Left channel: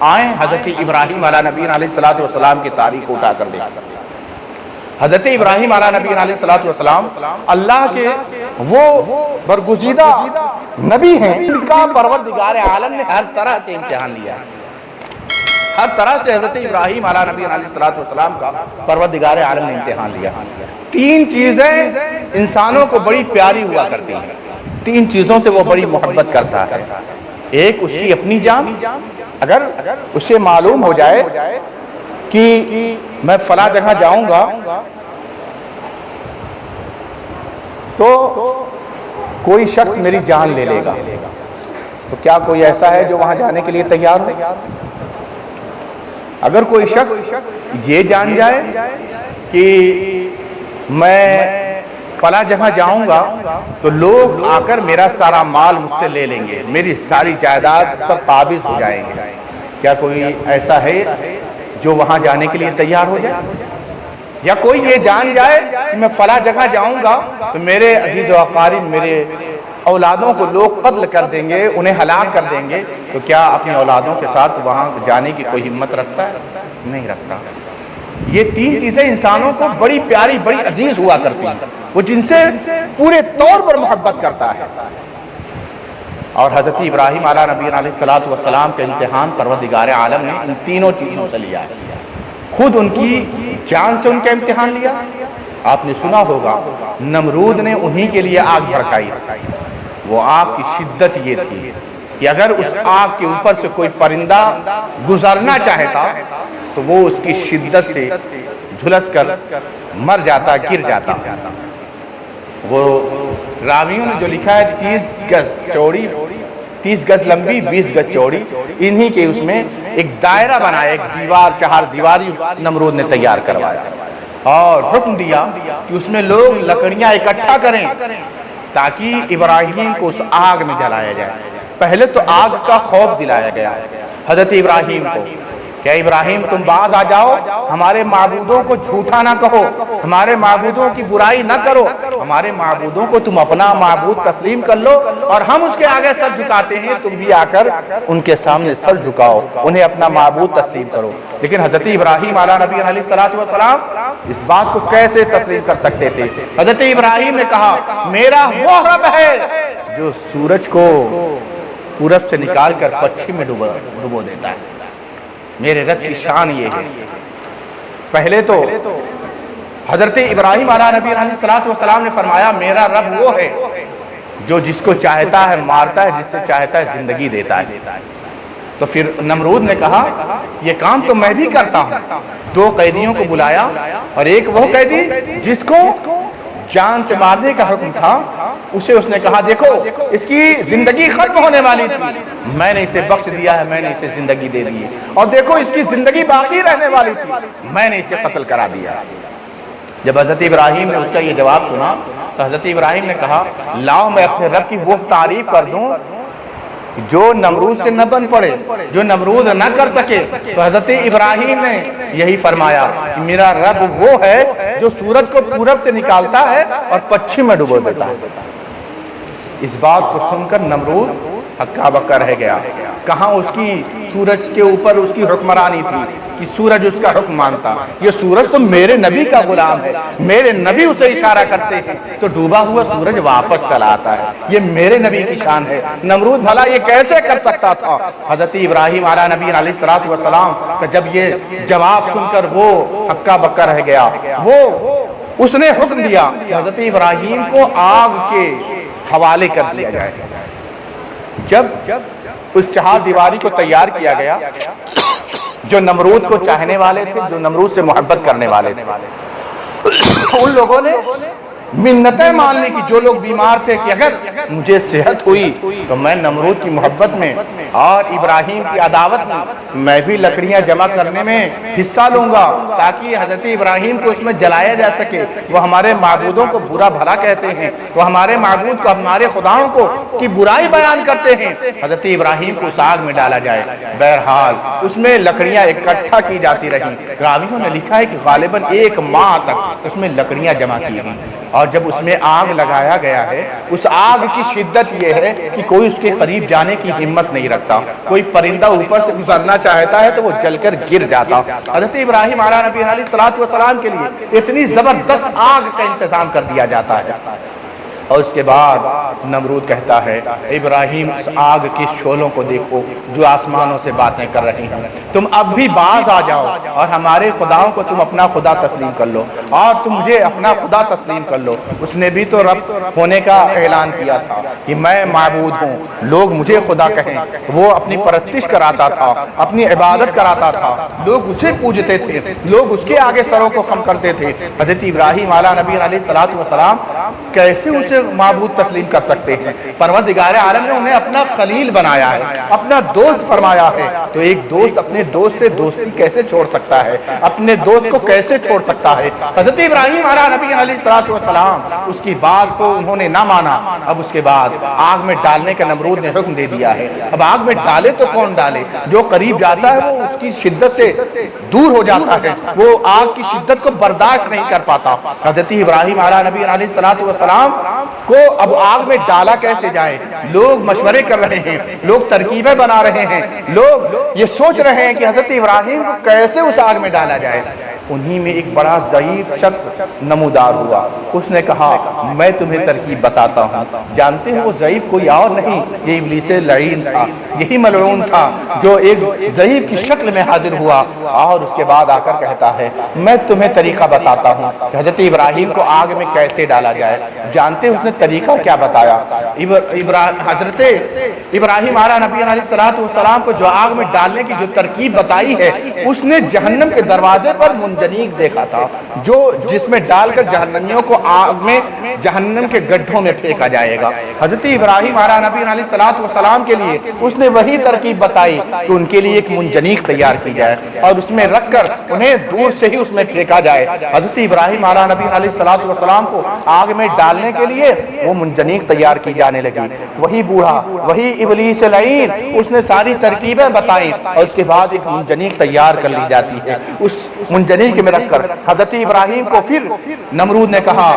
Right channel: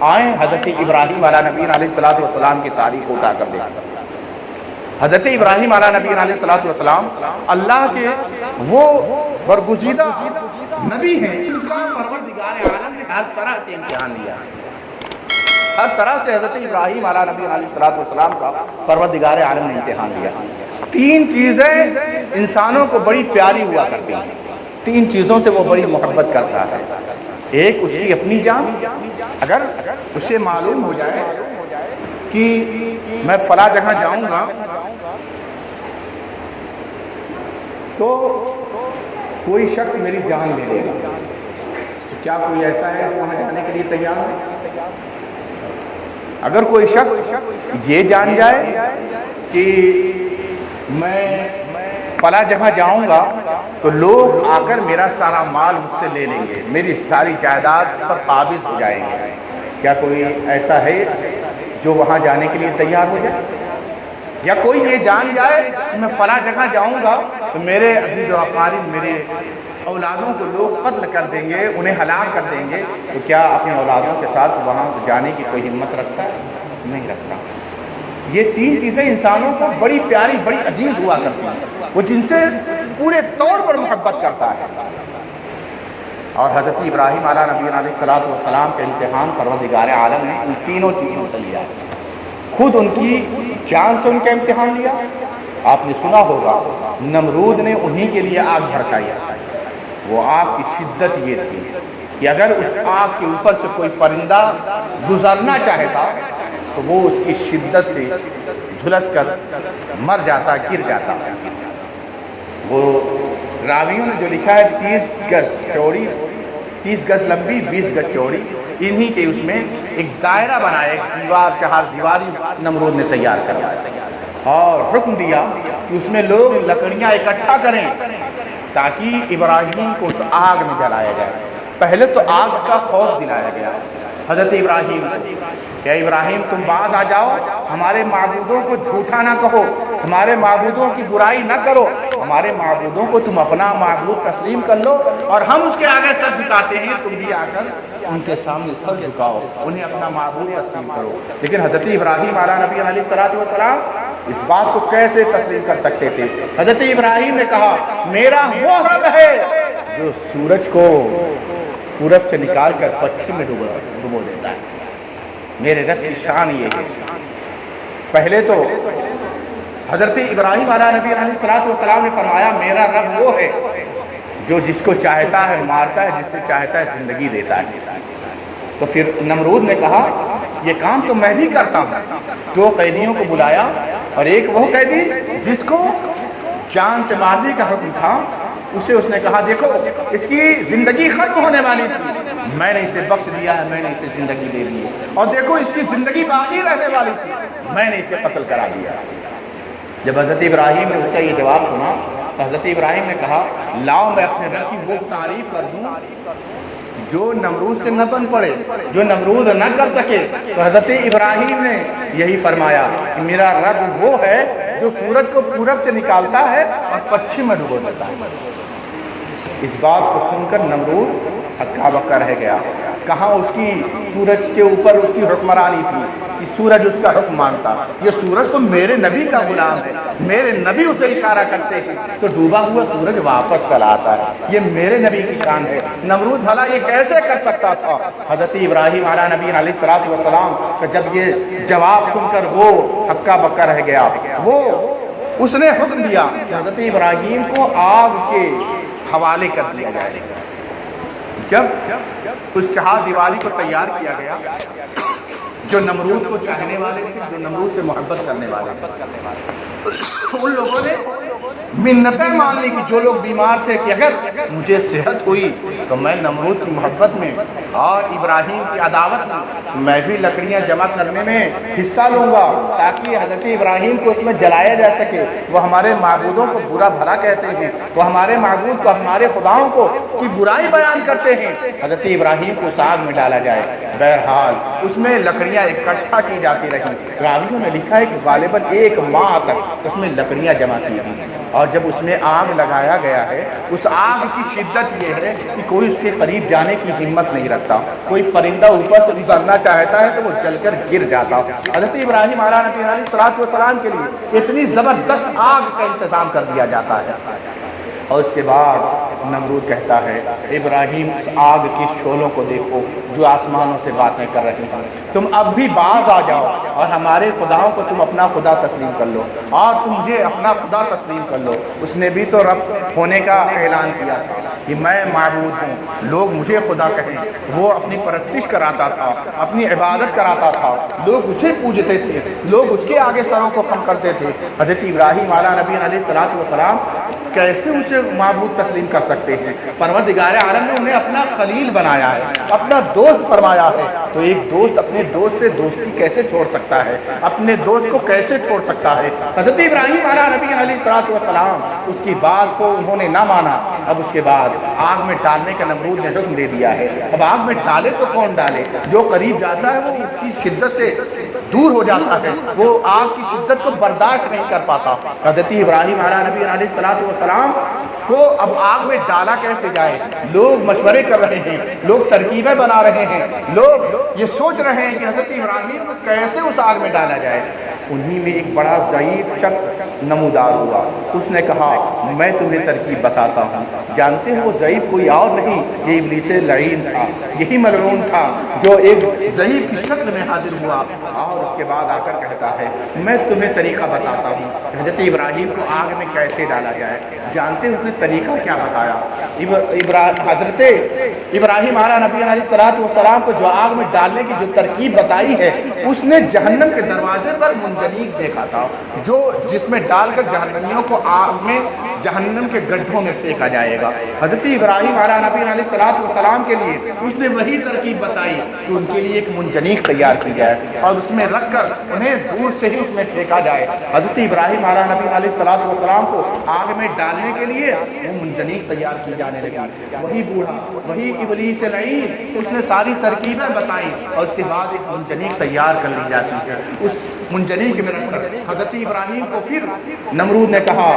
آئیں حضرت ابراہیم علیہ نبی علیہ الصلوۃ والسلام کی تاریخ کو اٹھا کر دیکھیں۔ حضرت ابراہیم علیہ نبی علیہ الصلوۃ والسلام اللہ کے وہ برگزیدہ نبی ہیں، ان کا پروردگار عالم نے ہر طرح سے امتحان لیا ہے، ہر طرح سے حضرت ابراہیم علیہ نبی علیہ الصلوۃ والسلام کا پروردگار عالم نے امتحان لیا۔ تین چیزیں انسانوں کو بڑی پیاری ہوا کرتی ہیں، تین چیزوں سے وہ بڑی محبت کرتا ہے۔ ایک اس کی اپنی جان، اگر اسے معلوم ہو جائے کہ میں فلاں جگہ جاؤں گا تو کوئی شخص میری جان لے لے گا، تو کیا کوئی ایسا ہے جو وہاں جانے کے لیے تیار ہو؟ اگر کوئی شخص یہ جان جائے کہ میں فلاں جگہ جاؤں گا تو لوگ آ کر میرا سارا مال مجھ سے لے لیں گے، میری ساری جائیداد پر قابض ہو جائیں گے، کیا کوئی ایسا ہے جو وہاں جانے کے لیے تیار ہو جائے؟ یا کوئی یہ جان جائے کہ میں فلاں جگہ جاؤں گا تو میرے عزیز و اقارب، میرے اولادوں کو لوگ قتل کر دیں گے، انہیں ہلاک کر دیں گے، تو کیا اپنی اولادوں کے ساتھ وہاں جانے کی کوئی ہمت رکھتا ہے؟ نہیں رکھتا۔ یہ تین چیزیں انسانوں کو بڑی پیاری، بڑی عزیز ہوا کرتی ہیں، وہ جن سے پورے طور پر محبت کرتا ہے۔ اور حضرت ابراہیم علیہ نبی علیہ الصلوۃ والسلام کے امتحان پروردگار عالم نے ان تینوں چیزوں سے لیا، خود ان کی جان سے ان کا امتحان لیا۔ آپ نے سنا ہوگا نمرود نے انہی کے لیے آگ بھڑکائی، وہ آگ کی شدت یہ تھی کہ اگر اس آگ کے اوپر سے کوئی پرندہ گزرنا چاہتا تو وہ اس کی شدت سے جھلس کر مر جاتا، گر جاتا۔ وہ راویوں نے جو لکھا ہے 30 گز چوڑی، 30 گز لمبی، 20 گز چوڑی، انہی کے اس میں ایک دائرہ بنایا، ایک دیوار، چہار دیواری نمرود نے تیار کروایا اور حکم دیا کہ اس میں لوگ لکڑیاں اکٹھا کریں تاکہ ابراہیم کو اس آگ میں جلایا جائے۔ پہلے تو آگ کا خوف دلایا گیا حضرت ابراہیم کو، کہ ابراہیم تم باز آ جاؤ، ہمارے معبودوں کو جھوٹا نہ کہو، ہمارے معبودوں کی برائی نہ کرو، ہمارے معبودوں کو تم اپنا معبود تسلیم کر لو اور ہم اس کے آگے سر جھکاتے ہیں، تم بھی آ کر ان کے سامنے سر جھکاؤ، انہیں اپنا معبود تسلیم کرو۔ لیکن حضرت ابراہیم علیہ نبی علیہ الصلوۃ والسلام اس بات کو کیسے تسلیم کر سکتے تھے؟ حضرت ابراہیم نے کہا میرا وہ رب ہے جو سورج کو پورب سے نکال کر پچھم میں ڈبو دیتا ہے، میرے رب کی شان یہ ہے۔ پہلے تو حضرت ابراہیم علیہ نبی علیہ الصلوۃ والسلام نے فرمایا میرا رب وہ ہے جو جس کو چاہتا ہے مارتا ہے، جس سے چاہتا ہے زندگی دیتا ہے۔ تو پھر نمرود نے کہا یہ کام تو میں بھی کرتا ہوں۔ 2 قیدیوں کو بلایا اور ایک وہ قیدی جس کو جان سے مارنے کا حکم تھا، اسے اس نے کہا دیکھو اس کی زندگی ختم ہونے والی تھی، میں نے اسے بخش دیا ہے، میں نے اسے زندگی دے دی ہے، اور دیکھو اس کی زندگی باقی رہنے والی تھی، میں نے اسے قتل کرا دیا۔ جب حضرت ابراہیم نے اس کا یہ جواب سنا تو حضرت ابراہیم نے کہا لاؤ میں اپنے رب کی وہ تعریف کر دوں جو نمرود سے نہ بن پڑے، جو نمرود نہ کر سکے۔ تو حضرت ابراہیم نے یہی فرمایا کہ میرا رب وہ ہے جو سورج کو پورب سے نکالتا ہے اور پچھم میں ڈبو دیتا ہے۔ اس بات کو سن کر نمرود ہکا بکا رہ گیا، کہاں اس کی سورج کے اوپر اس کی حکمرانی تھی کہ سورج اس کا حکم مانتا، یہ سورج تو میرے نبی کا غلام ہے، میرے نبی اسے اشارہ کرتے ہیں تو ڈوبا ہوا سورج واپس چلا آتا ہے، یہ میرے نبی کی شان ہے۔ نمرود بھلا یہ کیسے کر سکتا تھا؟ حضرت ابراہیم علیہ نبی علیہ الصلوۃ والسلام کا جب یہ جواب سن کر وہ ہکا بکا رہ گیا، اس نے حکم دیا کہ حضرت ابراہیم کو آگ کے حوالے کر دیا جائے۔ جب اس چہار دیواری کو تیار کیا گیا، جو نمرود کو چاہنے والے تھے، جو نمرود سے محبت کرنے والے تھے، ان لوگوں نے منتیں ماننے کی، جو لوگ بیمار تھے کہ اگر مجھے صحت ہوئی تو میں نمرود کی محبت میں اور ابراہیم کی عداوت میں بھی لکڑیاں جمع کرنے میں حصہ لوں گا تاکہ حضرت ابراہیم کو اس میں جلایا جا سکے۔ وہ ہمارے معبودوں کو برا بھلا کہتے ہیں، وہ ہمارے معبود کو، ہمارے خداؤں کو کی برائی بیان کرتے ہیں، حضرت ابراہیم کو اس آگ میں ڈالا جائے۔ بہرحال اس میں لکڑیاں اکٹھا کی جاتی رہیں. راویوں نے لکھا ہے کہ غالباً 1 ماہ تک اس میں لکڑیاں جمع کی گئیں. اور جب اس میں آگ لگایا گیا ہے، اس آگ کی شدت یہ ہے کہ کوئی اس کے قریب جانے کی ہمت نہیں رکھتا. کوئی پرندہ اوپر سے گزرنا چاہتا ہے تو وہ جل کر گر جاتا. حضرت ابراہیم علیہ نبی علیہ السلام کے لیے اتنی زبردست آگ کا انتظام کر دیا جاتا ہے. اور اس کے بعد نمرود کہتا ہے ابراہیم اس آگ کی شعلوں کو دیکھو جو آسمانوں سے باتیں کر رہی ہیں، تم اب بھی باز آ جاؤ اور ہمارے خداؤں کو تم اپنا خدا تسلیم کر لو اور تم مجھے اپنا خدا تسلیم کر لو. اس نے بھی تو رب ہونے کا اعلان کیا تھا کہ میں معبود ہوں، لوگ مجھے خدا کہیں. وہ اپنی پرستش کراتا تھا، اپنی عبادت کراتا تھا، لوگ اسے پوجتے تھے، لوگ اس کے آگے سروں کو خم کرتے تھے. حضرت ابراہیم علیہ نبی علیہ السلام کیسے اسے معبود تسلیم کر سکتے ہیں؟ پروردگار عالم نے انہیں اپنا خلیل بنایا ہے، اپنا دوست فرمایا ہے. تو ایک دوست اپنے دوست سے دوستی کیسے چھوڑ سکتا ہے؟ اپنے دوست کو کیسے چھوڑ سکتا ہے؟ حضرت ابراہیم علیہ نبی علیہ السلام اس کی بات کو انہوں نے نہ مانا. اب اس کے بعد آگ میں ڈالنے کا نمرود نے حکم دے دیا ہے. اب آگ میں ڈالے تو کون ڈالے؟ جو قریب جاتا ہے وہ اس کی شدت سے دور ہو جاتا ہے، وہ آگ کی شدت کو برداشت نہیں کر پاتا. حضرت ابراہیم علیہ نبی علیہ السلام کو اب آگ میں ڈالا کیسے جائے؟ لوگ مشورے کر رہے ہیں، لوگ ترکیبیں بنا رہے ہیں، لوگ یہ سوچ رہے ہیں کہ حضرت ابراہیم کو کیسے اس آگ میں ڈالا جائے. انہی میں ایک بڑا ضعیف شخص نمودار ہوا. اس نے کہا میں تمہیں ترکیب بتاتا ہوں. جانتے ہیں وہ ضعیف کوئی اور نہیں، یہ ابلیس لعین تھا، یہی ملعون تھا جو ایک ضعیف کی شکل میں حاضر ہوا اور اس کے بعد آ کر کہتا ہے میں تمہیں طریقہ بتاتا ہوں کہ حضرت ابراہیم کو آگ میں کیسے ڈالا جائے. جانتے ہیں اس نے طریقہ کیا بتایا؟ حضرت ابراہیم علیہ نبی علیہ السلام کو جو آگ میں ڈالنے کی جو ترکیب بتائی ہے، اس نے جہنم کے دروازے پر منجنیق دیکھا تھا جس میں ڈال کر جہنمیوں کو آگ میں جہنم کے گڈھوں میں پھینکا جائے گا. حضرت ابراہیم علیہ نبی علیہ السلام کے لیے اس نے وہی ترکیب بتائی کہ ان کے لیے ایک منجنیق تیار کی جائے اور اس میں رکھ کر انہیں دور سے ہی اس میں پھینکا جائے. حضرت ابراہیم علیہ نبی علیہ السلام کو آگ میں ڈالنے کے لیے وہ منجنیق تیار کی جانے لگی. وہی بوڑھا، وہی ابلیس لعین، اس نے ساری ترکیبیں بتائیں اور اس کے بعد ایک منجنیق تیار کر لی جاتی ہے. اس منجنیق میں رکھ کر حضرت ابراہیم کو پھر نمرود نے کہا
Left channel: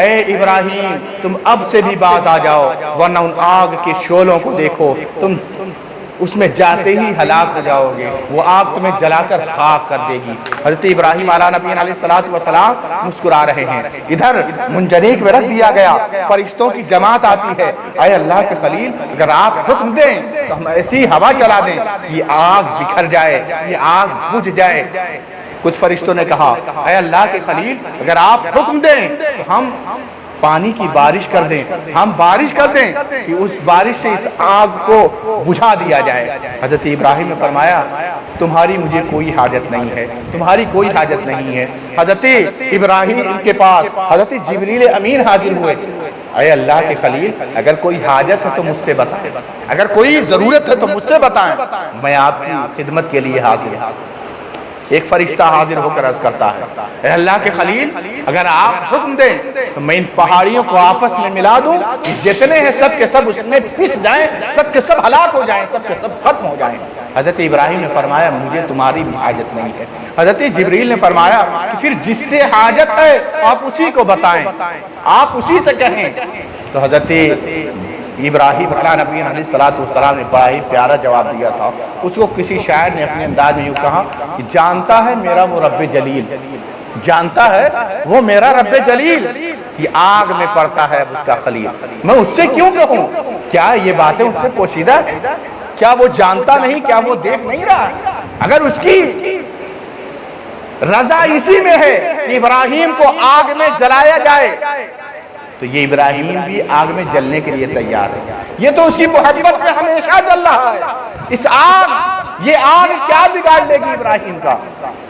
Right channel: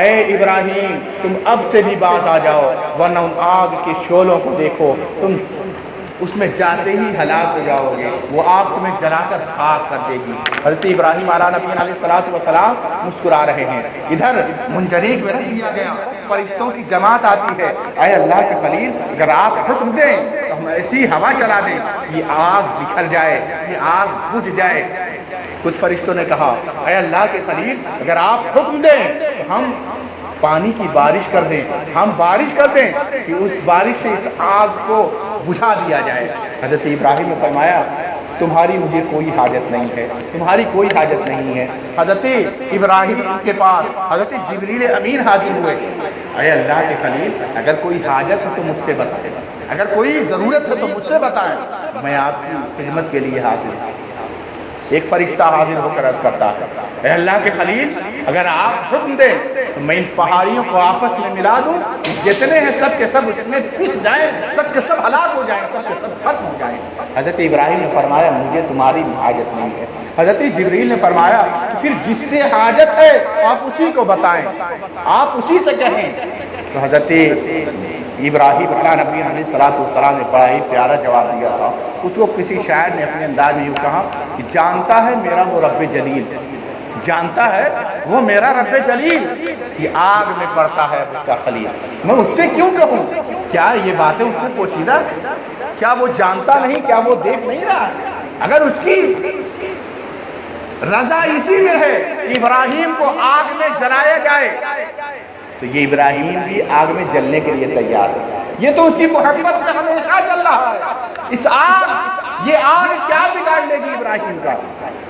اے ابراہیم تم اب سے بھی باز آ جاؤ ورنہ ان آگ کے شعلوں کو دیکھو، تم اس میں جاتے ہی ہلاک ہو جاؤ گے، وہ آگ تمہیں جلا کر خاک کر دے گی. حضرت ابراہیم علیہ نبی علیہ السلام مسکرا رہے ہیں. ادھر منجنیق میں رکھ دیا گیا، فرشتوں کی جماعت آتی ہے. اے اللہ کے خلیل اگر آپ حکم دیں تو ہم ایسی ہوا چلا دیں یہ آگ بکھر جائے، یہ آگ بجھ جائے. کچھ فرشتوں نے کہا اے اللہ کے خلیل اگر آپ حکم دیں تو ہم پانی کی بارش کر دیں، ہم بارش کر دیں کہ اس بارش سے اس آگ کو بجھا دیا جائے. حضرت ابراہیم نے فرمایا تمہاری مجھے کوئی حاجت نہیں ہے، تمہاری کوئی حاجت نہیں ہے. حضرت ابراہیم کے پاس حضرت جبریل امین حاضر ہوئے. اے اللہ کے خلیل اگر کوئی حاجت ہے تو مجھ سے بتائیں، اگر کوئی ضرورت ہے تو مجھ سے بتائیں، میں آپ کی خدمت کے لیے حاضر ہوں. ایک فرشتہ حاضر ہو کر عرض کرتا ہے اے اللہ کے خلیل اگر آپ حکم دیں تو میں ان پہاڑیوں کو آپس میں ملا دوں، جتنے ہیں سب کے سب اس میں پس جائیں، سب کے سب ہلاک ہو جائیں، سب کے سب ختم ہو جائیں. حضرت ابراہیم نے فرمایا مجھے تمہاری بھی حاجت نہیں ہے. حضرت جبریل نے فرمایا کہ پھر جس سے حاجت ہے آپ اسی کو بتائیں، آپ اسی سے کہیں. تو حضرت ابراہیم علیہ نبی علیہ السلام نے بڑا ہی پیارا جواب دیا تھا. اس کو کسی شاعر نے اپنے انداز میں یوں کہا کہ جانتا ہے میرا وہ رب جلیل، جانتا ہے وہ میرا رب جلیل یہ آگ میں پڑتا ہے اس کا خلیل، میں اس سے کیوں کہوں؟ کیا یہ باتیں اس سے پوشیدہ؟ کیا وہ جانتا نہیں؟ کیا وہ دیکھ نہیں رہا؟ اگر اس کی رضا اسی میں ہے ابراہیم کو آگ میں جلایا جائے تو یہ ابراہیم بھی آگ میں جلنے کے لیے تیار ہے. یہ تو اس کی محبت میں ہمیشہ جل رہا ہے. اس آگ، یہ آگ کیا بگاڑ لے گی ابراہیم کا؟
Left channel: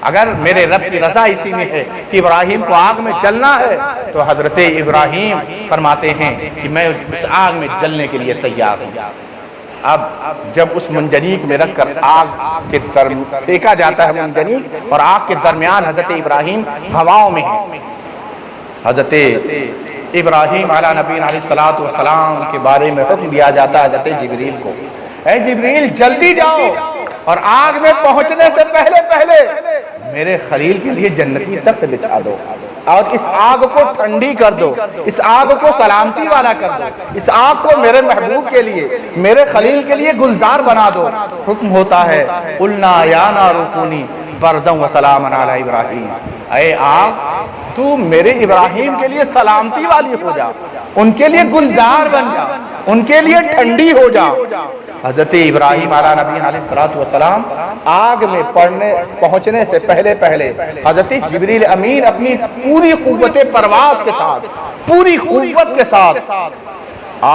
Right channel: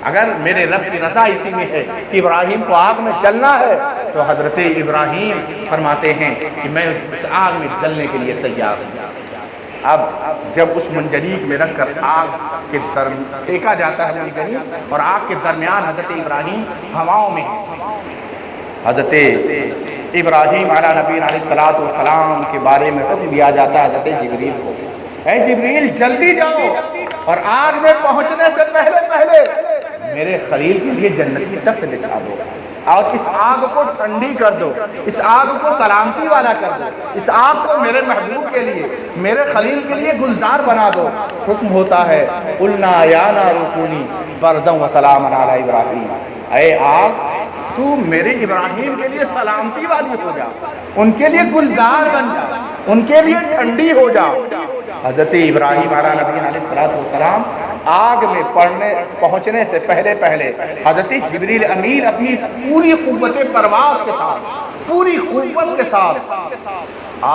اگر میرے رب کی رضا اسی میں ہے کہ ابراہیم کو آگ میں جلنا ہے تو حضرت ابراہیم فرماتے ہیں کہ میں اس آگ میں جلنے کے لیے تیار ہوں. اب جب اس منجنیق میں رکھ کر آگ کے دیکھا جاتا ہے منجنیق اور آگ کے درمیان حضرت ابراہیم ہواؤں میں ہیں. حضرت ابراہیم علیہ نبی علیہ السلام کے بارے میں حکم دیا جاتا ہے حضرت جبریل کو اے جبریل جلدی جاؤ اور آگ میں پہنچنے سے پہلے پہلے میرے خلیل کے لیے جنتی تخت بچھا دو اور اس آگ کو ٹھنڈی کر دو، اس آگ کو سلامتی والا کر دو، اس آگ کو میرے محبوب کے لیے، میرے خلیل کے لیے گلزار بنا دو۔ حکم ہوتا ہے قُلْنَا يَا نَارُ كُونِي بَرْدًا وَسَلَامًا عَلَىٰ إِبْرَاهِيمَ، اے آگ تو میرے ابراہیم کے لیے سلامتی والی ہو جا، ان کے لیے گلزار بن جا، ان کے لیے ٹھنڈی ہو جا۔ حضرت ابراہیم علیہ نبی علیہ السلام آگ میں پہنچنے سے پہلے پہلے حضرت جبریل امین اپنی پوری قوت پرواز کے ساتھ، پوری قوت کے ساتھ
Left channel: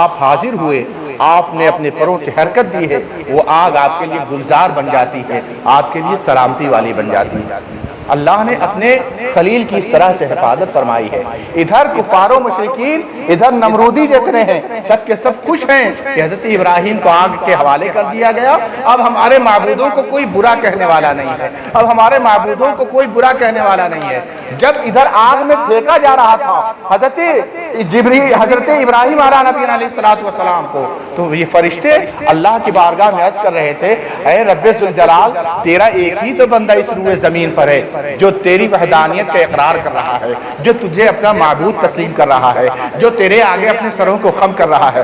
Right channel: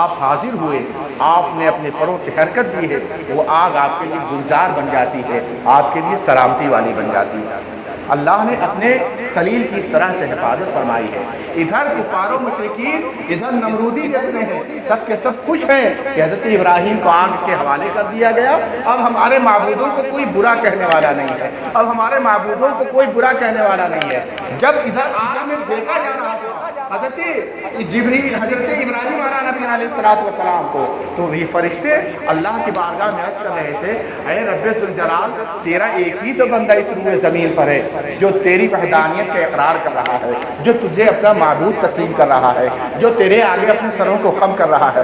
آپ حاضر ہوئے، آپ نے اپنے پروں سے حرکت دی ہے، وہ آگ آپ کے لیے گلزار بن جاتی ہے، آپ کے لیے سلامتی والی بن جاتی ہے۔ اللہ نے اپنے خلیل کی اس طرح سے حفاظت فرمائی ہے۔ ادھر کفار و مشرکین، ادھر نمرودی جتنے ہیں، سب کے سب خوش ہیں کہ حضرت ابراہیم کو آگ کے حوالے کر دیا گیا، اب ہمارے معبودوں کو کوئی برا کہنے والا نہیں ہے، اب ہمارے معبودوں کو کوئی برا کہنے والا نہیں ہے۔ جب ادھر آگ میں پھینکا جا رہا تھا حضرت ابراہیم علیہ نبی علیہ السلام کو، تو یہ فرشتے اللہ کی بارگاہ میں عرض کر رہے تھے، اے رب ذوالجلال، تیرا ایک ہی تو بندہ اس روئے زمین پر ہے جو تیری وحدانیت کا اقرار کر رہا ہے، جو تجھے اپنا معبود تسلیم کر رہا ہے، جو تیرے آگے اپنے سروں کو خم کر رہا ہے،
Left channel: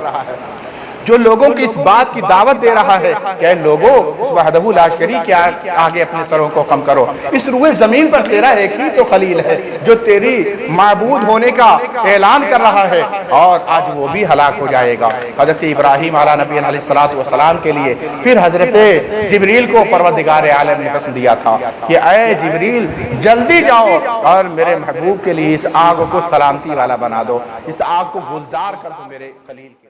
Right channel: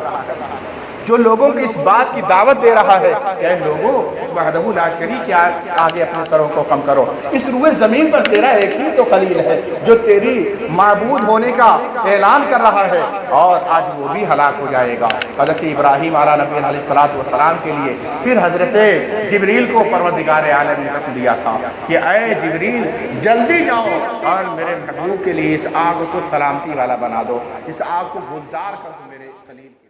جو لوگوں کی اس بات کی دعوت دے رہا ہے کہ اے لوگوں وحدہ لا شریک کے آگے اپنے سروں کو خم کرو۔ اس روئے زمین پر تیرا ایک ہی تو خلیل ہے جو تیری معبود ہونے کا اعلان کر رہا ہے، اور آج وہ بھی ہلاک ہو جائے گا۔ حضرت ابراہیم علیہ نبی علیہ السلام کے لیے پھر حضرت جبریل کو پروردگار عالم نے حکم دیا تھا کہ اے جبریل جلدی جاؤ اور میرے محبوب کے لیے اس آگ کو سلامتی والا بنا دو، اس آگ کو گلزار کر دو میرے خلیل کے